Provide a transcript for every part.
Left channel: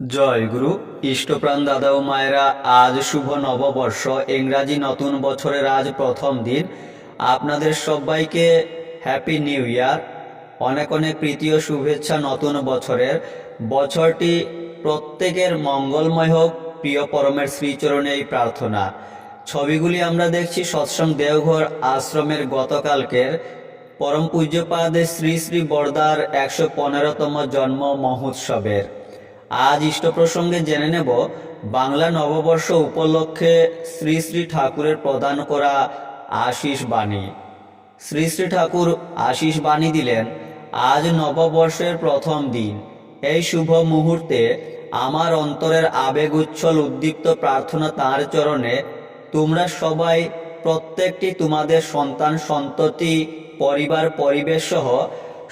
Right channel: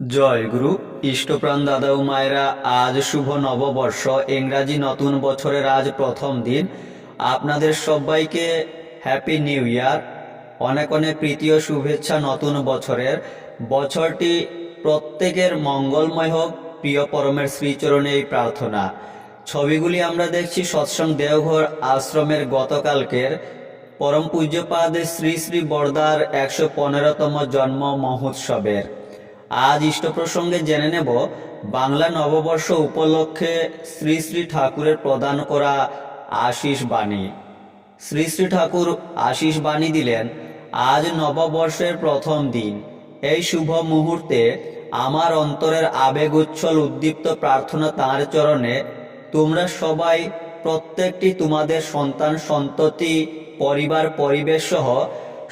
জয় গুরু। ইষ্টপ্রাণ দাদা ও মায়েরা, আজ শুভ নববর্ষ, ইংরাজি নতুন বছরের আজ প্রথম দিন। আপনাদের সবাইকে হ্যাপি নিউ ইয়ার। অনেক অনেক প্রীতি ও শুভেচ্ছা নতুন বছরের। বছরটি প্রত্যেকের মঙ্গলময় হোক, প্রিয় পরমের শ্রীচরণে এই প্রার্থনা। ছবিগুলি আমরা দেখছি সৎসঙ্গ দেওঘর আশ্রমের গতকালকের পরম পূজ্যপাদ শ্রী শ্রী বরদার 115তম জন্ম মহোৎসবের। আজ ইষ্ট প্রসঙ্গে জেনে নেব বাংলা নববর্ষ উপলক্ষে শ্রী শ্রী ঠাকুরের প্রদান করা আশীষ বাণী। শ্রী শ্রী ঠাকুর আশীষ বাণী দিলেন, আজ নববর্ষের প্রথম দিন। এই শুভ মুহূর্তে আমার অন্তরের আবেগ উচ্ছল উদ্দীপ্ত প্রার্থনা তাঁর চরণে। তোমরা সবাই প্রত্যেকটি তোমাদের সন্তান সন্ততি পরিবার পরিবেশ সহ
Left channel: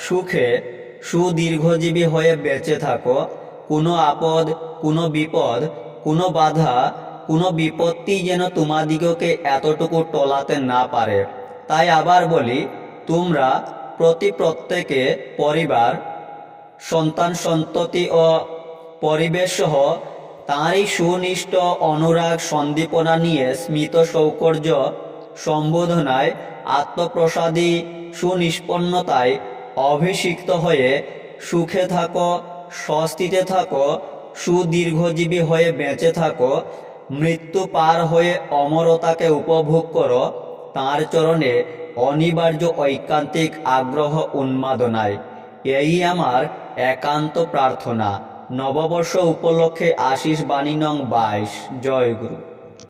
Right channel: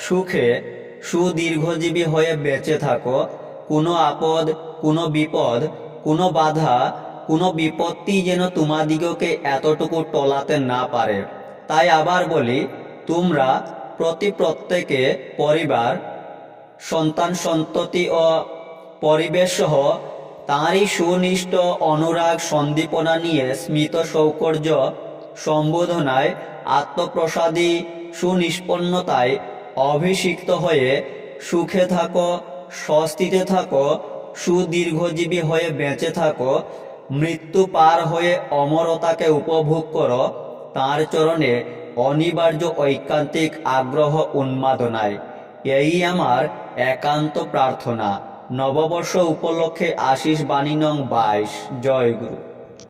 সুখে সুদীর্ঘজীবী হয়ে বেঁচে থাকো। কোনো আপদ, কোনো বিপদ, কোনো বাধা, কোনো বিপত্তি যেন তোমাদিগকে এতটুকু টলাতে না পারে। তাই আবার বলি, তোমরা প্রত্যেকে পরিবার সন্তান সন্ততি ও পরিবেশ সহ তাঁরই সুনিষ্ট অনুরাগ সন্দীপনা নিয়ে স্মিত সৌকর্য সম্বোধনায় আত্মপ্রসাদী সুনিষ্পন্নতায় অভিষিক্ত হয়ে সুখে থাকো, স্বস্তিতে থাকো, সুদীর্ঘজীবী হয়ে বেঁচে থাকো, মৃত্যু পার হয়ে অমরতাকে উপভোগ করো তাঁর চরণে অনিবার্য ঐকান্তিক আগ্রহ উন্মাদনায়। এই আমার একান্ত প্রার্থনা। নববর্ষ উপলক্ষে আশীষ বাণী নং 22। জয় গুরু।